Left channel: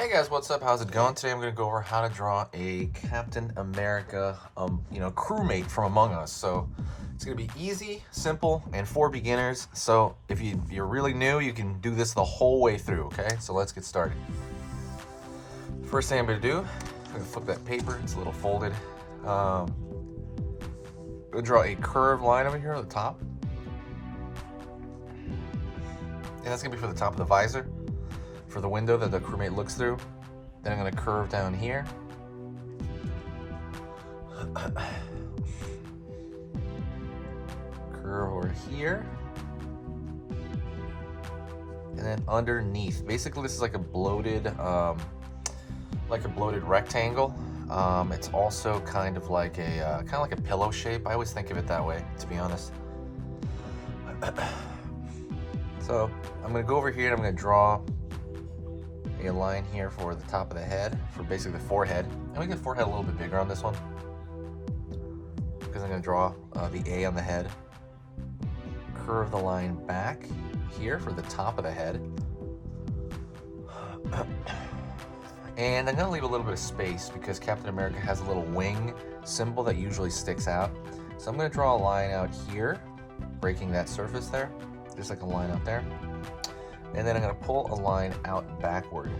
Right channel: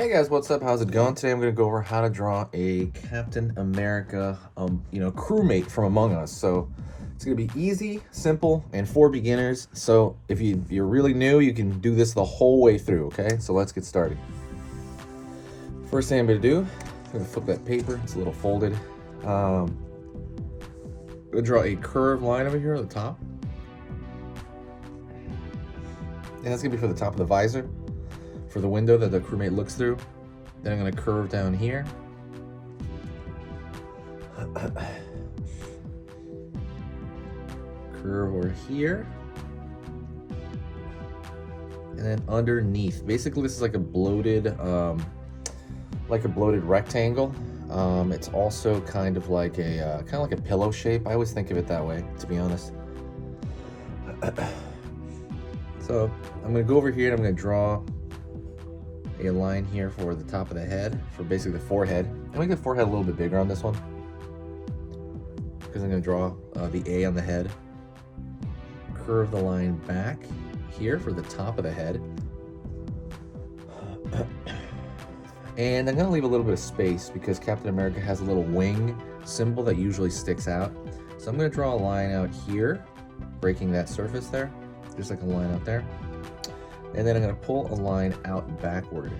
Hey guys, what's up? How's it going? Today I'm going to go over how to draw a Captain America, crewmate from Among Us. So it's going to be easy, simple, and for beginners. So if you're really new, you can do this the whole way through, okay? So let's get started. First thing I'm going to do, I'm going to flip that paper. It's a little folded. I'm going to draw a curved line over here at the top. And that's going to be for the top of the visor, for the window that the crewmate looks through. Then I'm going to curve down here. Curve over here. And then underneath. Basically, this is like a bloated rectangle. It's also kind of like a pillow shape. I always think of it that way, to be honest. So I'm going to go over here and I'm going to draw a line here for the top of the head, for basically the forehead. And make the forehead a little bit bigger on this one, because I'm going to draw the A on the head. Curve the line back here for the top of the head. And I'm going to leave a little bit of space because Captain America has a little wing symbol that usually sticks out. So I'm going to draw a line out here, breaking that surface there, just like a line out there. And then I'm going to pull a line out backward.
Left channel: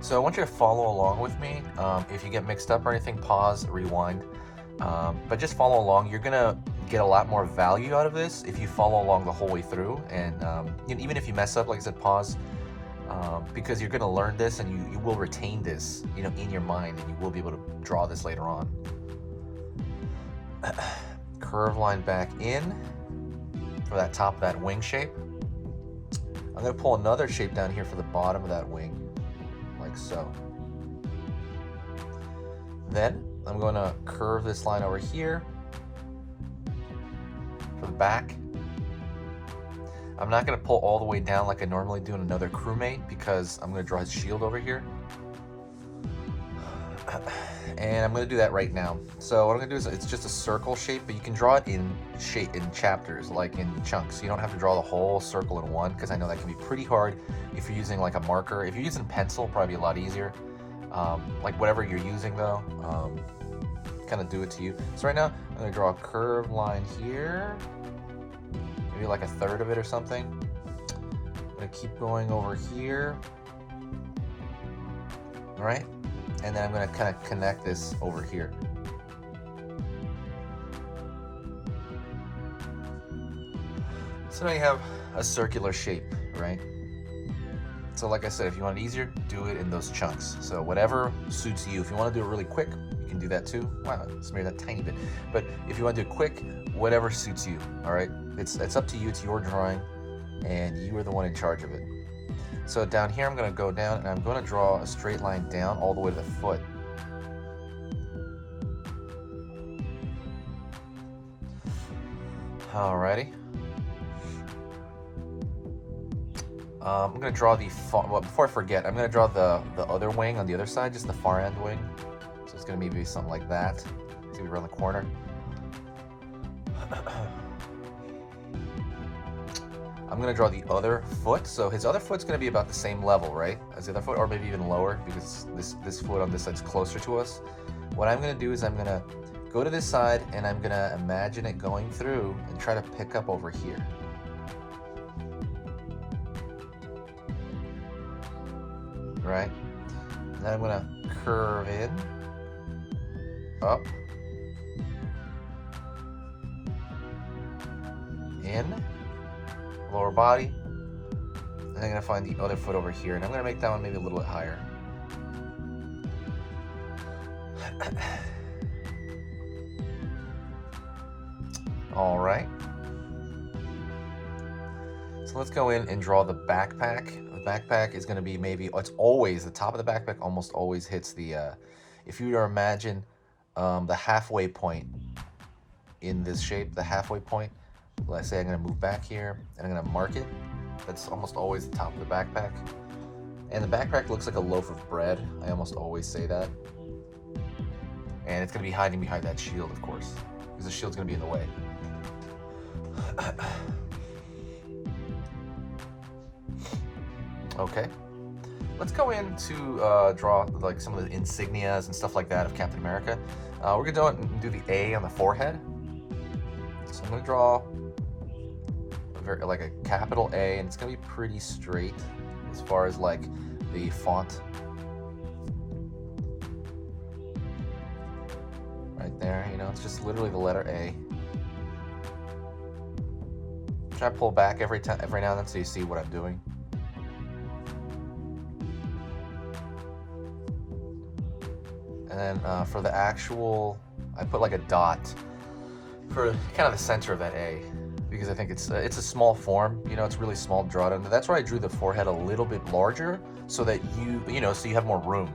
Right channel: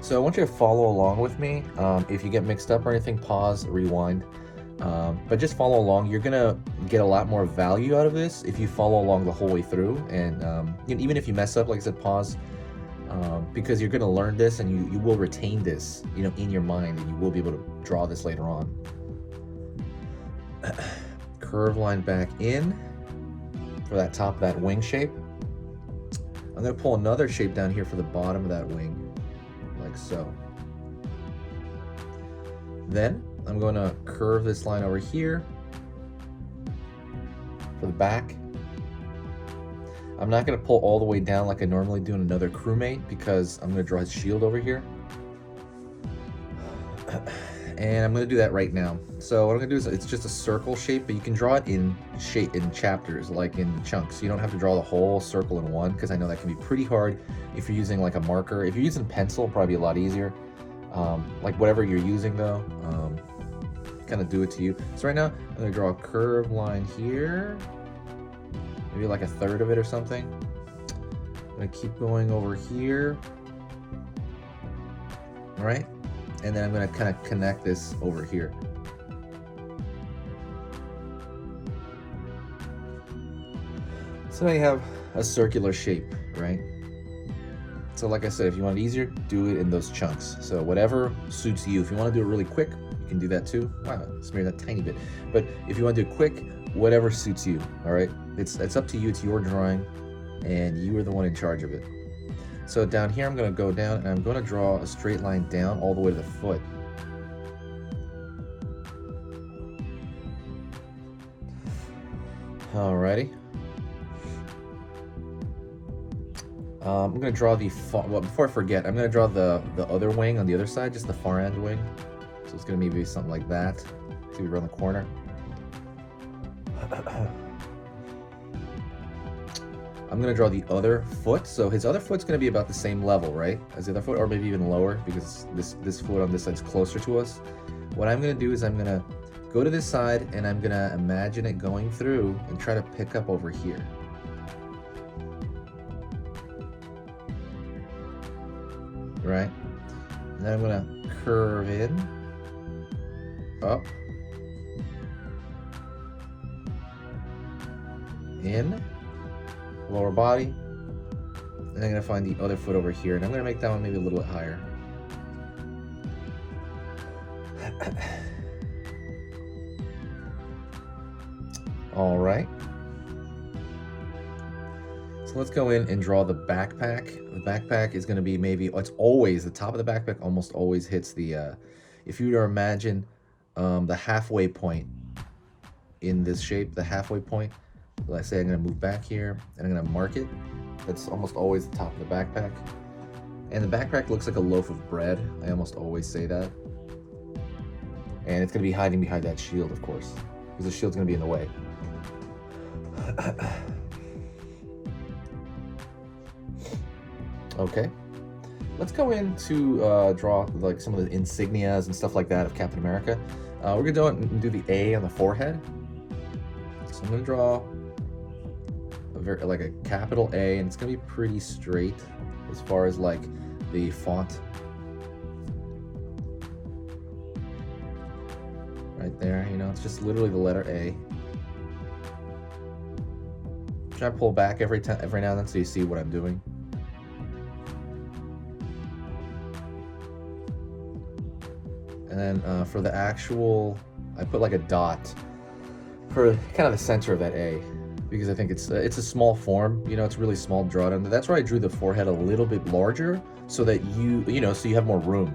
So I want you to follow along with me. If you get mixed up or anything, pause, rewind. But just follow along. You're going to get a lot more value out of this if you follow along the whole way through. And even if you mess up, like I said, pause. Because you're going to learn this and you will retain this, in your mind, and you will be able to draw this later on. Curve line back in for that top of that wing shape. I'm going to pull another shape down here for the bottom of that wing, like so. Then I'm going to curve this line over here for the back. I'm not going to pull all the way down like I normally do in another crewmate, because I'm going to draw his shield over here. And I'm going to do that right now. So what I'm going to do is, it's just a circle shape, but you can draw it in chapters, like in chunks. You don't have to draw the whole circle in one, because I know that can be pretty hard if you're using like a marker. If you're using pencil, probably a lot easier. Like whatever you're using though, kind of do it to you. So right now, I'm going to draw a curved line here. Maybe like a third of it or something. I'm going to keep going over here. All right. And then I'm going to kind of connect this over here. So now you have a circular shape, right? So like I said, if you want it easier, do it in those chunks. So whatever suits you. If you want to do it really quick, you can do that too. Wow, smear that tiny bit. But if you want to do it quick, whatever suits you, all right? It's up to you. It's your drawing, and you are the one in charge of it. So down here, I'm going to go down and I'm going to draw a straight line down all the way to the foot. Alrighty. I'm going to draw before I forget, I'm going to draw the other wing on the other side, just the far end wing. So it's going to be something like that. It's going to be around the corner. I'm going to draw the other foot. So his other foot's going to be about the same level, right, as the other foot, or maybe even lower, because this foot on this side is closer to us. What I'm going to do is I'm going to go to this side and I'm going to imagine it going through and try to pick up over here. Right? And then I'm going to curve in, up, in, lower body, and I'm going to find the other foot over here, and I'm going to make that one maybe a little bit higher. All right. So let's go in and draw the backpack. The backpack is going to be it's always, the top of the backpack almost always hits the, if you were to imagine the halfway point in this shape, the halfway point, let's say I'm going to move back here and I'm going to mark it. That's almost always the top of the backpack. And the backpack looks like a loaf of bread. I almost always say that. And it's going to be hiding behind that shield, of course, because the shield's going to be in the way. Okay. let's go in to draw like some of the insignias and stuff like that of Captain America. We're gonna do the A on the forehead. So I'm gonna draw like a capital A, and it's gonna be pretty straight as far as like the font. Right there, you know, it's just literally the letter A. Try to pull back every now and then so you see what I'm doing. And then for the actual, I put like a dot for kind of the center of that A, because I think it's a small form, you know, it's really small to draw it under. That's why I drew the forehead a little bit larger, so that you know, so you have more room.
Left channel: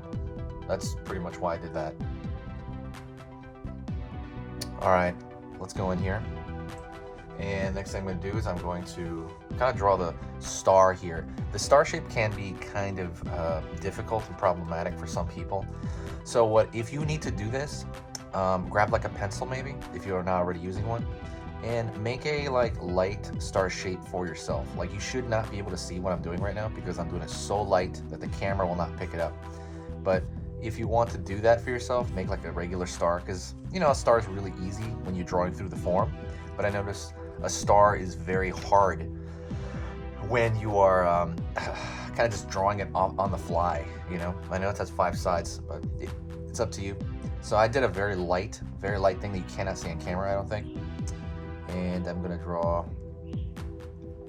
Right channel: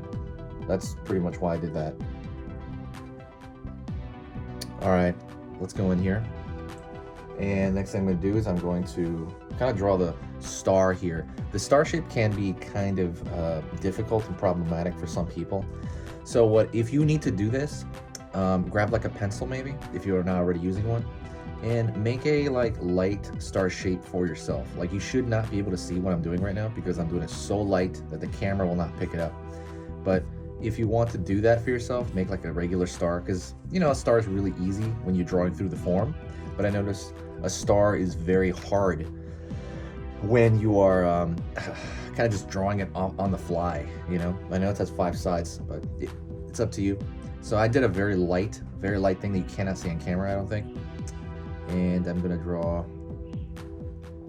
That's pretty much why I did that. All right, let's go in here. And next thing I'm going to do is I'm going to kind of draw the star here. The star shape can be kind of difficult and problematic for some people. So if you need to do this, grab like a pencil maybe, if you're not already using one, and make a like light star shape for yourself. Like, you should not be able to see what I'm doing right now because I'm doing it so light that the camera will not pick it up. But if you want to do that for yourself, make like a regular star, because you know, a star is really easy when you're drawing through the form. But I noticed a star is very hard when you are kind of just drawing it on the fly, you know. I know it has 5 sides, but it's up to you. So I did a very light thing that you cannot see on camera, I don't think. And I'm gonna draw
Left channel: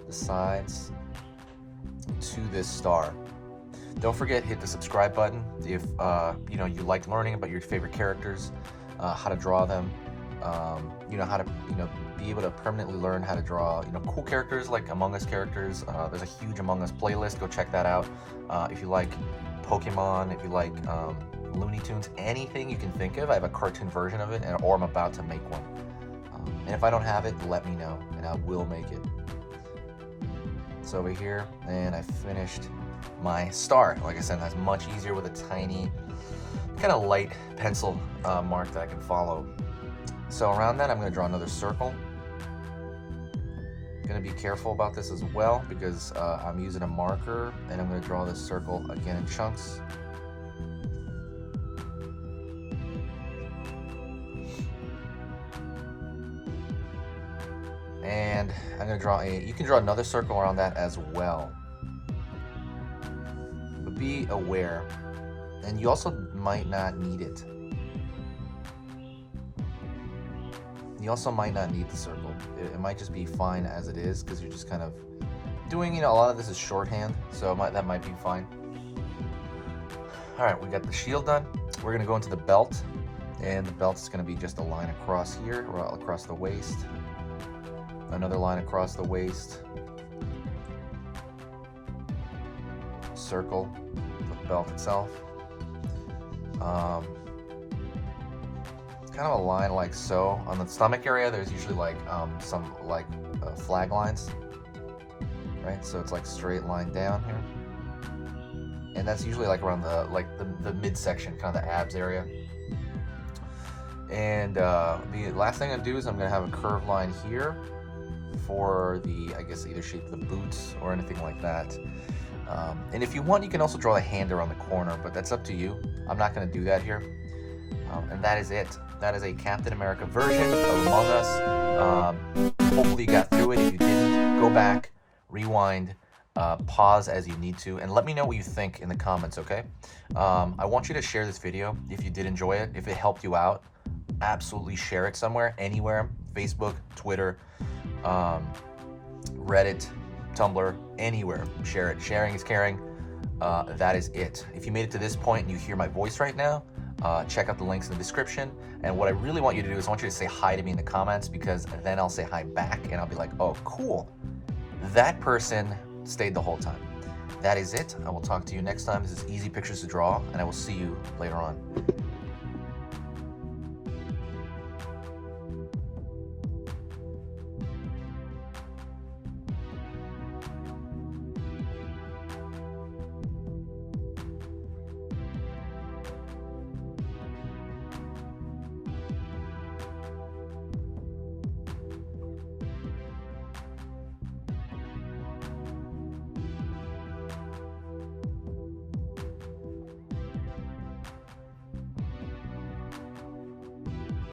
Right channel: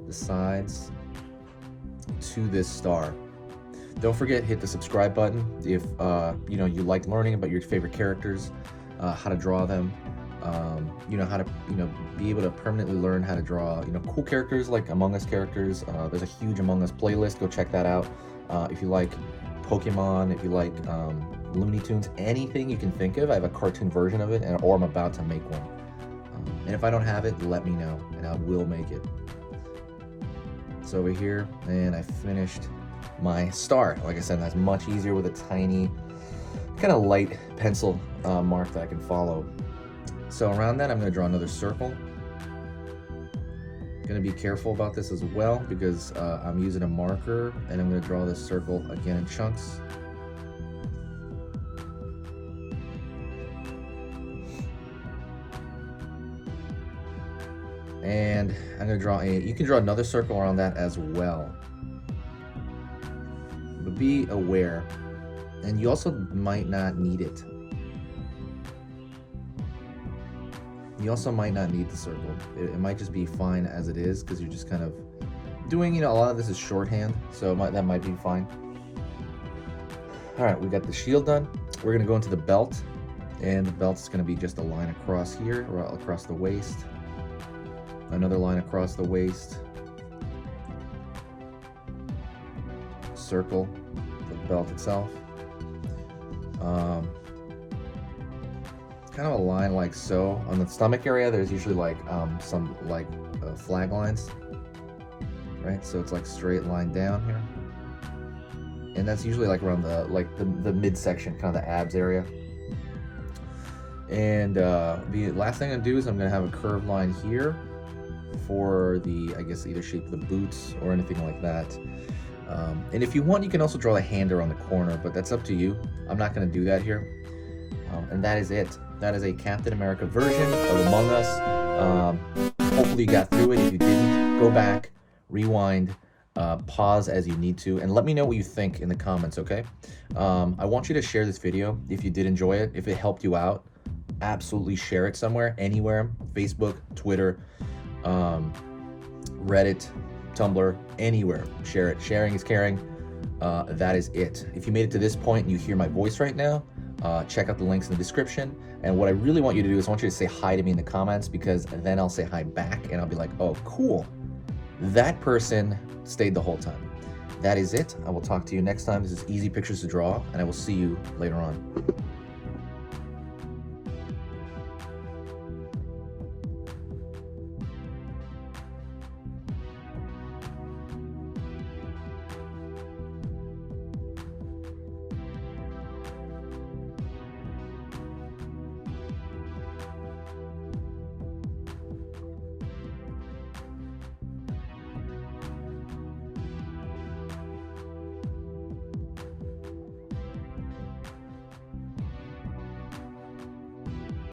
the sides to this star. Don't forget, hit the subscribe button if you know, you like learning about your favorite characters, how to draw them, you know, how to, you know, be able to permanently learn how to draw, you know, cool characters like Among Us characters. There's a huge Among Us playlist, go check that out. If you like Pokemon, if you like Looney Tunes, anything you can think of, I have a cartoon version of it, or I'm about to make one. And if I don't have it, let me know and I will make it. So over here, and I finished my star. Like I said, that's much easier with a tiny, kind of light pencil mark that I can follow. So around that, I'm going to draw another circle. Going to be careful about this as well, because I'm using a marker, and I'm going to draw this circle again in chunks. And I'm going to draw you can draw another circle around that as well. But be aware, and you also might not need it. You also might not need the circle. It might just be fine as it is, because you're just kind of doing, you know, a lot of this is shorthand, so that might be fine. All right, we got the shield done. We're gonna go into the belt, and the belt's gonna be just a line across here, or across the waist. Another line across the waist. Circle the belt itself. Kind of a line like so. On the stomach area, there's usually like some like flag lines, right? So it's like straight line down here, and that's usually like around the midsection, kind of the abs area. And the last thing I do is I'm gonna have a curved line here for the, I guess, either shape of the boots or anything like that. And if you want, you can also draw a hand around the corner, but that's up to you. I'm not gonna do that here. And that is it. That is a Captain America version of Among Us. Hopefully you got through it. If you didn't, go back, rewind, pause as you need to, and let me know what you think in the comments, okay? I want you to share this video if you did enjoy it. If it helped you out, absolutely share it somewhere, anywhere. Facebook, Twitter, Reddit, Tumblr, anywhere. Share it. Sharing is caring. That is it. If you made it to this point and you hear my voice right now, check out the links in the description. And what I really want you to do is I want you to say hi to me in the comments, because then I'll say hi back and I'll be like, oh, cool. That person stayed the whole time. That is it. I will talk to you next time. This is Easy Pictures to Draw, and I will see you later on.